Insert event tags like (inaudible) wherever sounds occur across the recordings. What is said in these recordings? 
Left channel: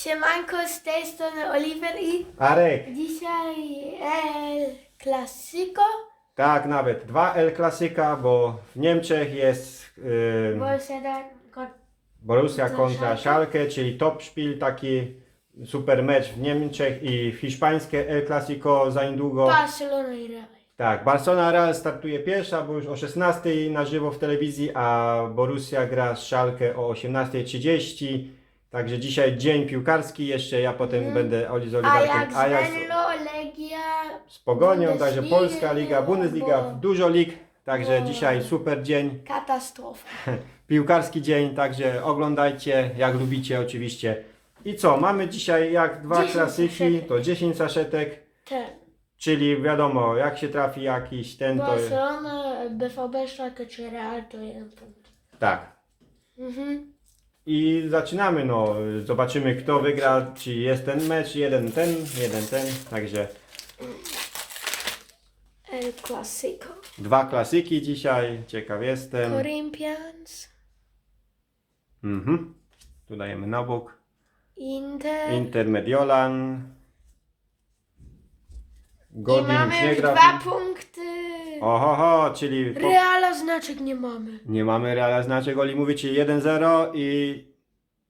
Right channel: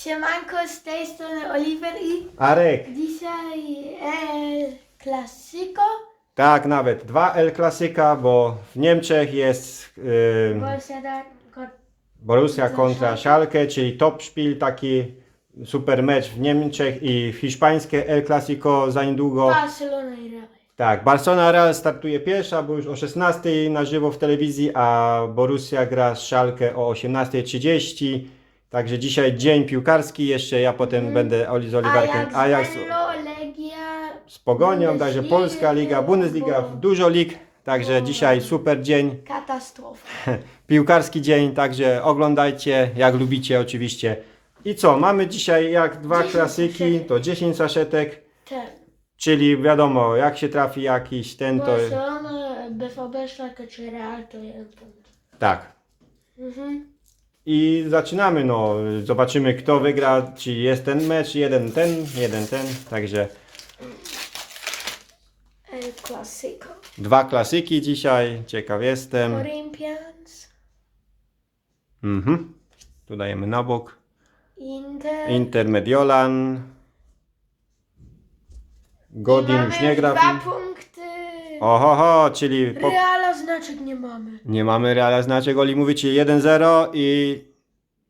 Siemanko, z tej strony Oliver i Arek, dzisiaj El Clasico, tak nawet. Dwa El Klasyka, bo w Niemczech jest yy, Borussia Dortmund. Borussia kontra Schalke. Czyli top szpil, taki super mecz w Niemczech i hiszpańskie El Clasico za niedługo. Barcelona i Real. Tak, Barcelona Real startuje pierwsza, bo już o 16 na żywo w telewizji, a Borussia gra z Schalke o 18.30. Także dzisiaj dzień piłkarski jeszcze, ja potem będę Oli z Oliwarkiem. Ajax, Ajax Venlo, Legia, z Pogonią, także Bundesliga, Polska Liga, Bundesliga, bo- dużo lig. Także dzisiaj super dzień, (laughs) katastrofa. (laughs) piłkarski dzień, także oglądajcie, jak lubicie oczywiście. I co, mamy dzisiaj jak dwa 10 klasyki, saszetek. to 10 saszetek, Ten. czyli wiadomo, jak się trafi jakiś ten, to Barcelona, BVB, Schalke czy Real to jeden punkt. tak. Mhm. I zaczynamy, no, zobaczymy kto wygra, czy jest ten mecz, jeden ten, jeden ten, także El Clasico. dwa klasyki dzisiaj, ciekaw jestem. Corinthians, Mhm. Tu dajemy na bok. Inter. Inter Mediolan. Godin już nie gra. dwa punkty. Ohoho, czyli po... Reala znaczek nie mamy. nie mamy Reala znaczek. Oli mówi ci 1-0 i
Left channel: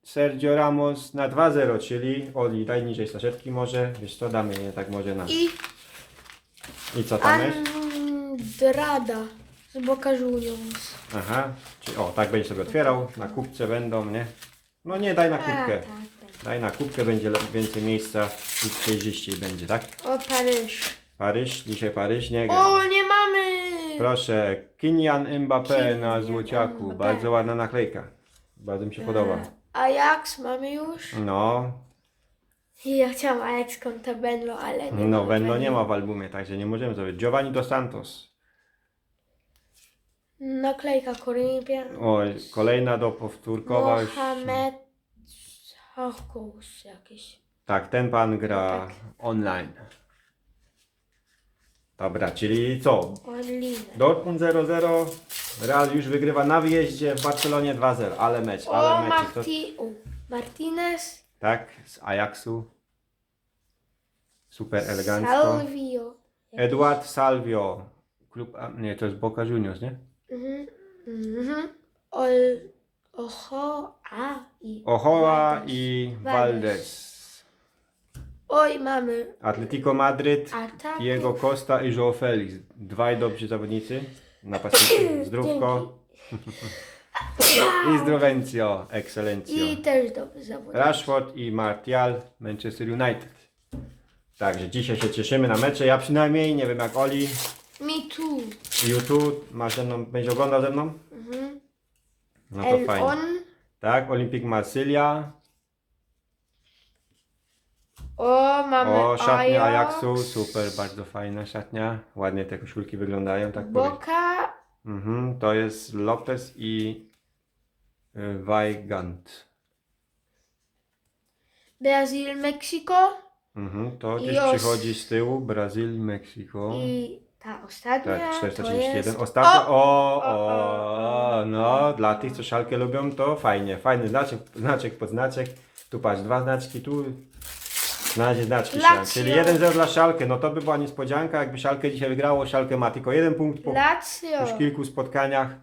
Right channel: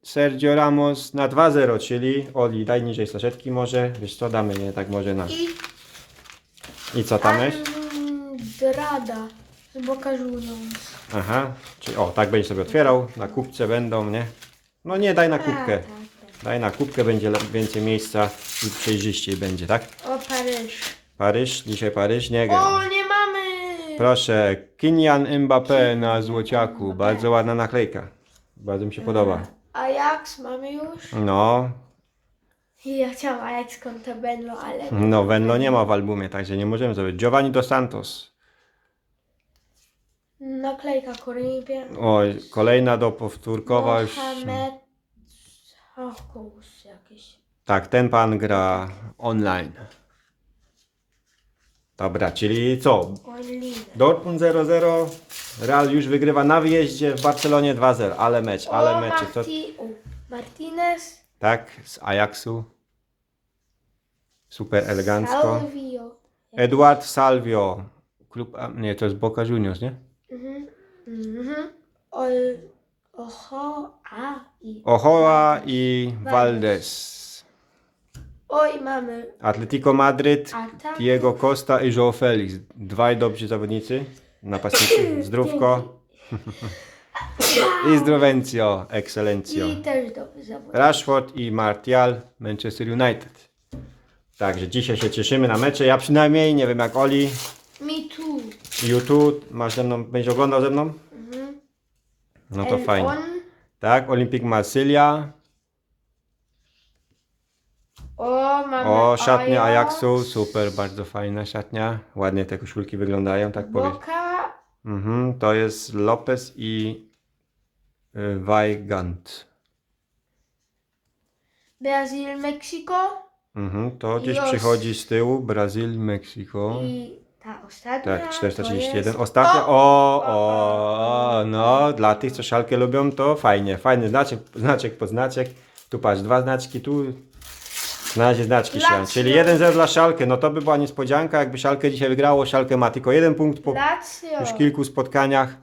Sergio Ramos na 2-0, czyli Oli daj niżej saszetki może. Wiesz co, damy nie tak może na... I I co tam jest? Andrada z Boca Juniors. Aha, czyli o, tak będzie sobie otwierał. Na kubce będą, nie? No nie, daj na kubkę. tak, tak. Daj na kubkę, będzie le- więcej miejsca i przejrzyściej będzie, tak? O, Paryż. Paryż, dzisiaj Paryż nie gra. O, nie! Proszę, Kylian Mbappé na złociaku. Bardzo ładna naklejka. Bardzo mi się podoba. Ajax mamy już. No, Ja chciałam Ajax kontra Benlo, ale... no Venlo nie ma w albumie, także nie możemy zrobić. Giovanni dos Santos. Naklejka Corinthians. Oj, kolejna do powtórkowa już. Mohamed Hokus jakiś. Tak, ten pan gra online. Dobra, czyli co? Dortmund 0-0, Real już wygrywa na wyjeździe w Barcelonie 2-0, ale mecz, ale mecz. To, Marti... Martinez. tak, z Ajaxu. Super elegancko. Salvio. Eduard Salvio. Klub, nie, to jest Boca Juniors, nie? Mhm. Mhm. Ol... Oho... A i... Ochoa i Valdez. Oj, mamy Atletico Madryt, atak. Diego Costa i João Felix. Dwaj dobrzy zawodnicy. Napastnicy. (clears throat) Zdrówko i zdrowencio, ekscelencjo. I też dobry. Rashford i Martial, Manchester United. Także dzisiaj się cieszymy na mecze. Ja przynajmniej, nie wiem jak Oli. Me too. YouTube, masz ze mną, będziesz oglądał ze mną? Mhm. No to El fajnie. On. Tak, Olympic Marsylia. O, mamy O, szatnia Ajax. Ajaxu, super, bardzo fajna szatnia. Ładnie te koszulki wyglądają, tak powiem. Boca. Mhm, to jest Lopez i y, Weigand. Brazil, Meksyko. Mhm, to I gdzieś os- przychodzi z tyłu, Brazil, Meksyko. I ta ostatnia. Tak, to 431. jest- Ostatnio, o, O! o, no, dla tych, co szalkę lubią, to fajnie, fajny znaczek, znaczek po znaczek. Tu patrz, dwa znaczki, tu na razie znaczki Lazio. Czyli 1-0 dla szalkę, no to by była niespodzianka, jakby szalkę dzisiaj wygrało, szalkę ma tylko jeden punkt po Lazio. już kilku spotkaniach,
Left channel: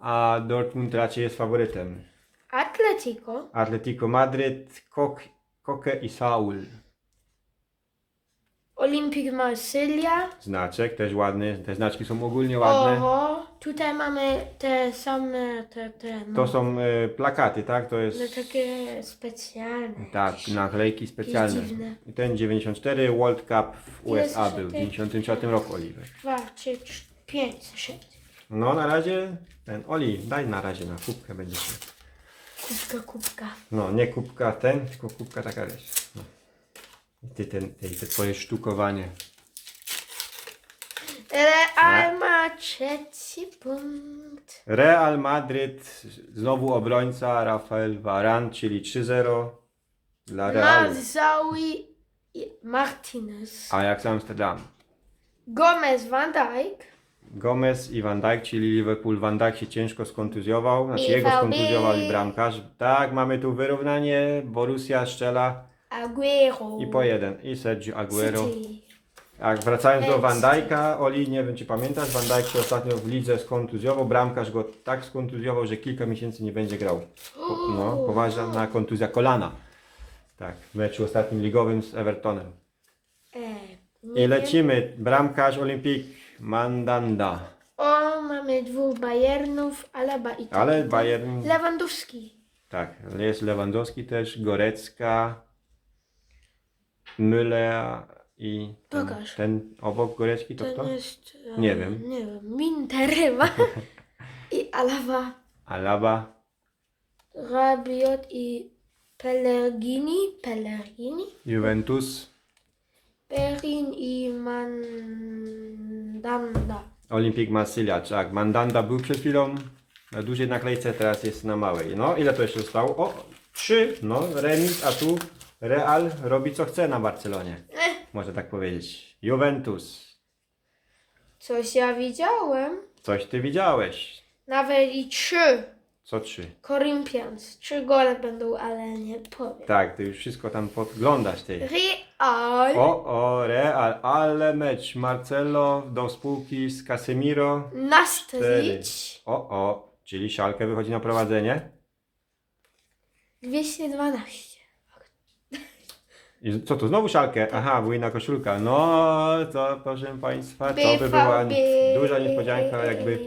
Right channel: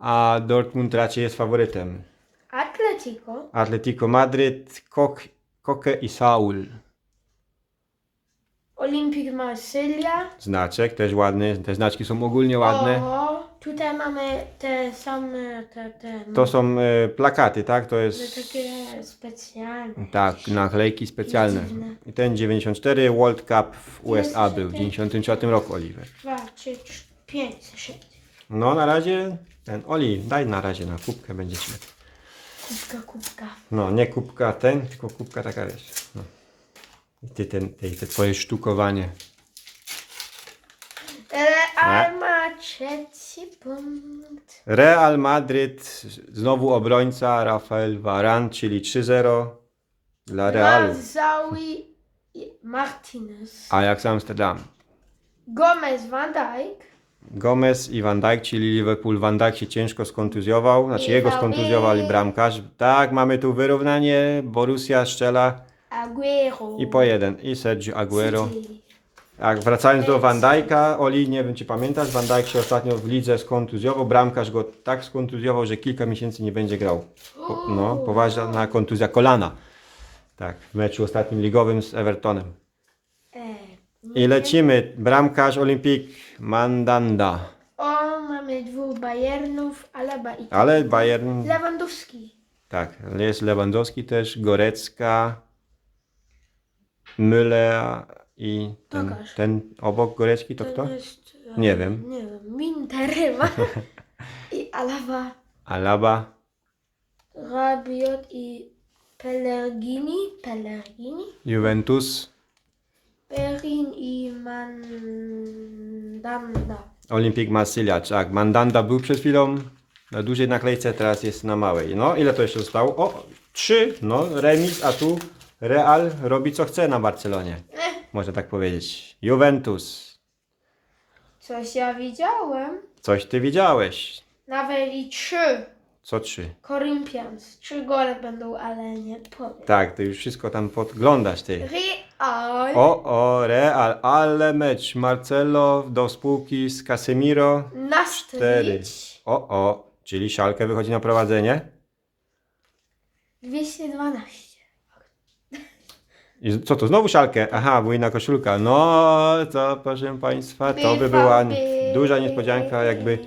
a Dortmund raczej jest faworytem. Atletico. Atletico Madryt, Kok, Koke i Saul. Olympic Marsylia. Znaczek, też ładny, te znaczki są ogólnie ładne. Oho. Tutaj mamy te same, te, te, no, To są e, plakaty, tak? To no, jest... takie specjalne. Tak, jakieś. naklejki specjalne. dziwne. I ten 94 World Cup w USA był w piękny. 94 roku, Oliver. Dwa, trzy, cztery, pięć, sześć. No na razie ten Oli, daj na razie na kubkę będziesz. miał. Kubka, kubka. No nie kubka ten, tylko kubka taka wiesz. No. I ty ten, te, te twoje sztukowanie. Real ma trzeci punkt. Real Madryt, znowu obrońca Rafael Varane, czyli 3-0 dla Realu. Mazawi i Martinez. Ajax Amsterdam. Gomez, Van Dijk. Gomez i Van Dijk, czyli Liverpool. Van Dijk się ciężko skontuzjował, znaczy jego VB. skontuzjował i bramkarz. Tak, mamy tu wyrównanie. Borussia strzela Aguero. i po jeden. I Sergio Aguero. City. Tak, wracając do Van Dijk'a, Oli, nie wiem czy pamiętasz, Van Dijk się ostatnio w lidze skontuzjował, bramkarz go tak skontuzjował, że kilka miesięcy nie będzie grał. Po, no, poważna kontuzja kolana. Tak, w meczu ostatnim ligowym z Evertonem. E, I lecimy, bramkarz Olimpik Mandanda. O, mamy dwóch Bayernów, Alaba i Ale Bayern, Lewandowski. tak, jest Lewandowski też, Gorecka, Müller i ten, Pokaż. ten obok Gorecki to kto? jest... e, Nie wiem. Nie wiem, Minter chyba. (laughs) I Alaba, Alaba, Rabiot i Pellegrini. Pellegrini. Juventus, Perin i Mandanda. Olimpik Marsylia, tak. Mandanda był przed chwilą na dużej naklejce, teraz jest na małej. No, ile to jeszcze zostało? O, trzy, no, remis, a tu Real robi co chce na Barcelonie. Można tak powiedzieć. Juventus, Coś ja widziałem. coś ty widziałeś. Nawet i trzy. Co trzy? Corinthians. Trzy gole będą, ale nie powiem. Tak, ty już wszystko tam podglądasz ty. Real. O, o, Real, ale mecz. Marcelo do spółki z Casemiro. Nastryć. O, o, czyli Szalkę wychodzi na prowadzenie. 212. I co to, znowu szalkę? Aha, inna koszulka. No, to proszę Państwa, to by była duża niespodzianka, jakby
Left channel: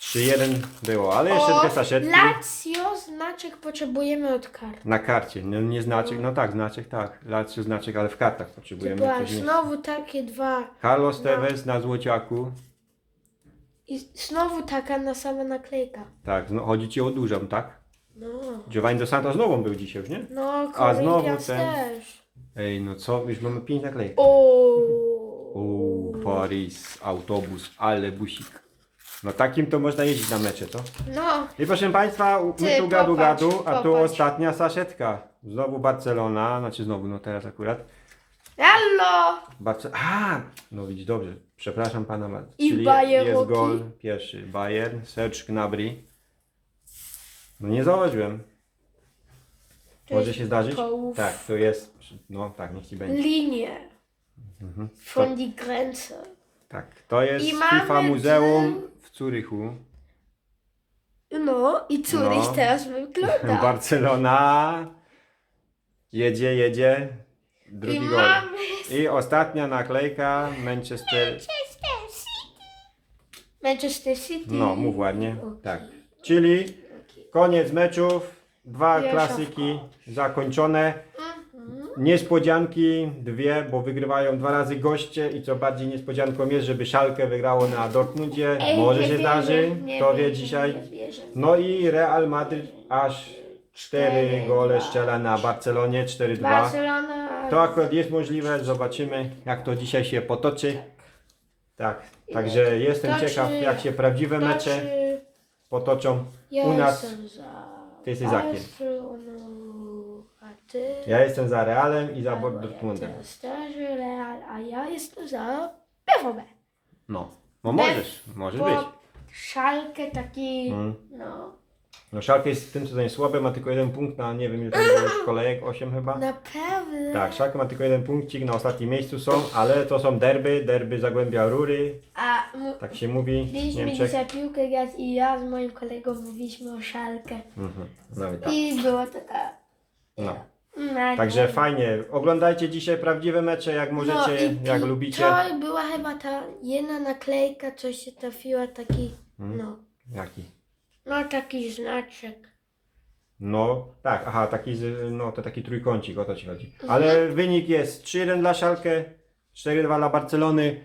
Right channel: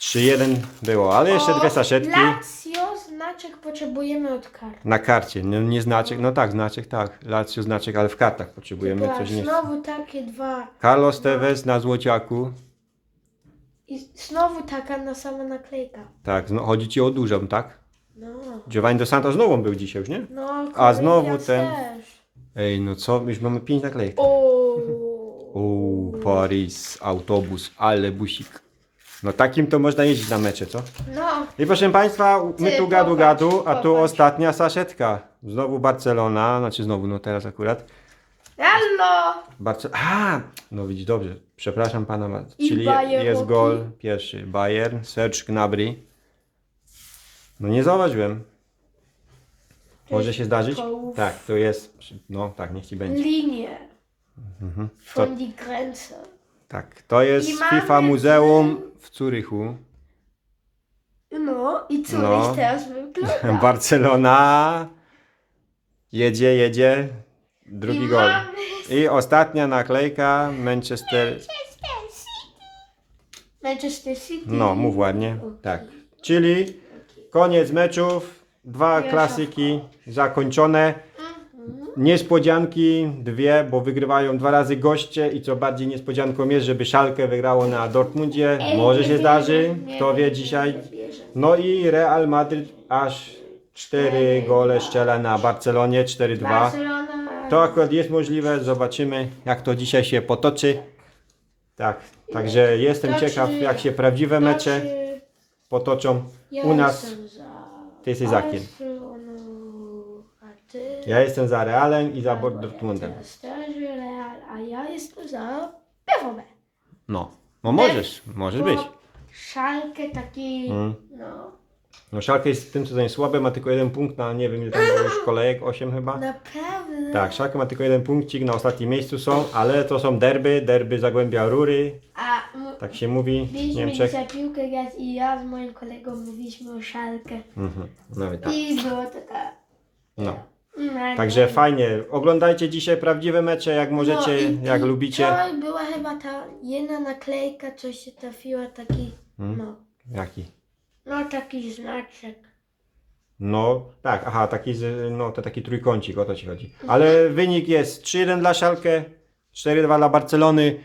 3-1 było. Ale jeszcze dwie saszetki Lazio, znaczek potrzebujemy od kart. na karcie. No, nie znaczek, no tak, znaczek, tak. Lazio znaczek, ale w kartach potrzebujemy Była coś nie. znowu takie dwa. Carlos Tevez na złociaku. I znowu taka na sama naklejka. Tak, no, chodzi Ci o dużą, tak? No. Giovanni Dos Santos nową był dzisiaj już, nie? No, A znowu Corinthians ten- Też. Ej, no co, już mamy 5 naklejek. Uuu, Paris, autobus, ale busik. No takim to można jeździć na mecze, co? No. I proszę Państwa, my Ty, tu gadu popatrz, gadu, a tu popatrz. ostatnia saszetka. Znowu Barcelona, znaczy znowu, no teraz akurat. Hallo. Barce a, no widzisz, dobrze, przepraszam Pana bardzo. I Czyli jest gol pierwszy, Bayern, Serge Gnabry. No nie zauważyłem. To Może się zdarzyć? kołów. Tak, to jest, no tak, niech Ci będzie. Linie. Mhm. Von die Grenze. Tak, to jest I mamy FIFA Muzeum w Zurychu. No i Zurich No. teraz wygląda. (laughs) Barcelona jedzie, jedzie. Drugi I gol. mamy I ostatnia naklejka Manchester. Manchester City. No, mów ładnie. Tak. Czyli koniec meczów. Dwa klasyki zakończone. Mhm. Niespodzianki dwie, bo wygrywają dwa razy goście i co bardziej niespodzianką jest, żeby Szalkę wygrało na Dortmundzie. Może się zdarzy, kto wie dzisiaj. No i Real Madryt aż cztery gole strzela na Barcelonie, 4-2. Barcelona. To akurat jest możliwe, zobaczymy jak to dzisiaj się potoczy. Tak, także jestem ciekaw jak się prawdziwe mecze potoczą u nas. Ty jesteś za kim? A ty? Ja jestem za Realem i za Albo Dortmundem. ja też Real, a ja jestem za BVB. No, no możesz, może Bo być. Szalkę taki, Mm. no, No Szalkę jest w tym sezonie słaby, ma tylko jeden punkt na nie wiem ile tam było już kolejek, 8 chyba. naprawdę. Tak, Szalkę ma tylko jeden punkcik, na ostatnim miejscu są, ale to są derby, derby Zagłębia Rury, A tak się mówi w byliśmy Niemczech. dzisiaj piłkę grać i ja z moim kolegą mówiliśmy o Szalkę. Mhm. No i tak. I było taka... No. No, Także nie. fajnie. Oglądajcie dzisiaj prawdziwe mecze, jak możecie, No i- jak i lubicie. To była chyba ta jedna naklejka, co się trafiła, taki, Hmm? no, Jaki? no taki znaczek. No, tak, aha, taki, z- no to taki trójkącik, o to ci chodzi. Mhm. Ale wynik jest 3-1 dla Szalkę, 4-2 dla Barcelony.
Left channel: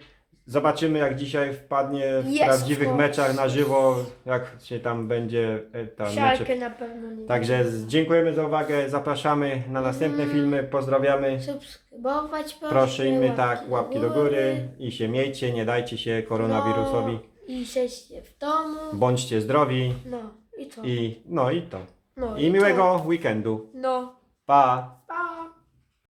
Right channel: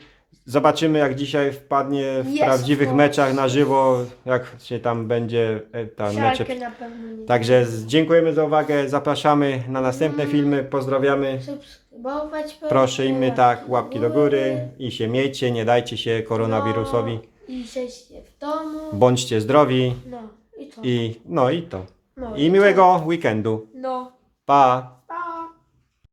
Zobaczymy jak dzisiaj wpadnie w Jest prawdziwych meczach na żywo, jak się tam będzie e, ta mecze. na pewno nie. Także z- dziękujemy za uwagę, zapraszamy na następne Mhm. filmy, pozdrawiamy. Subskrybować proszę. Prosimy tak, łapki do góry i się miejcie, nie dajcie się koronawirusowi. No, I siedźcie w domu. Bądźcie zdrowi No, i co? i no i to. no, I co? miłego weekendu. No. Pa!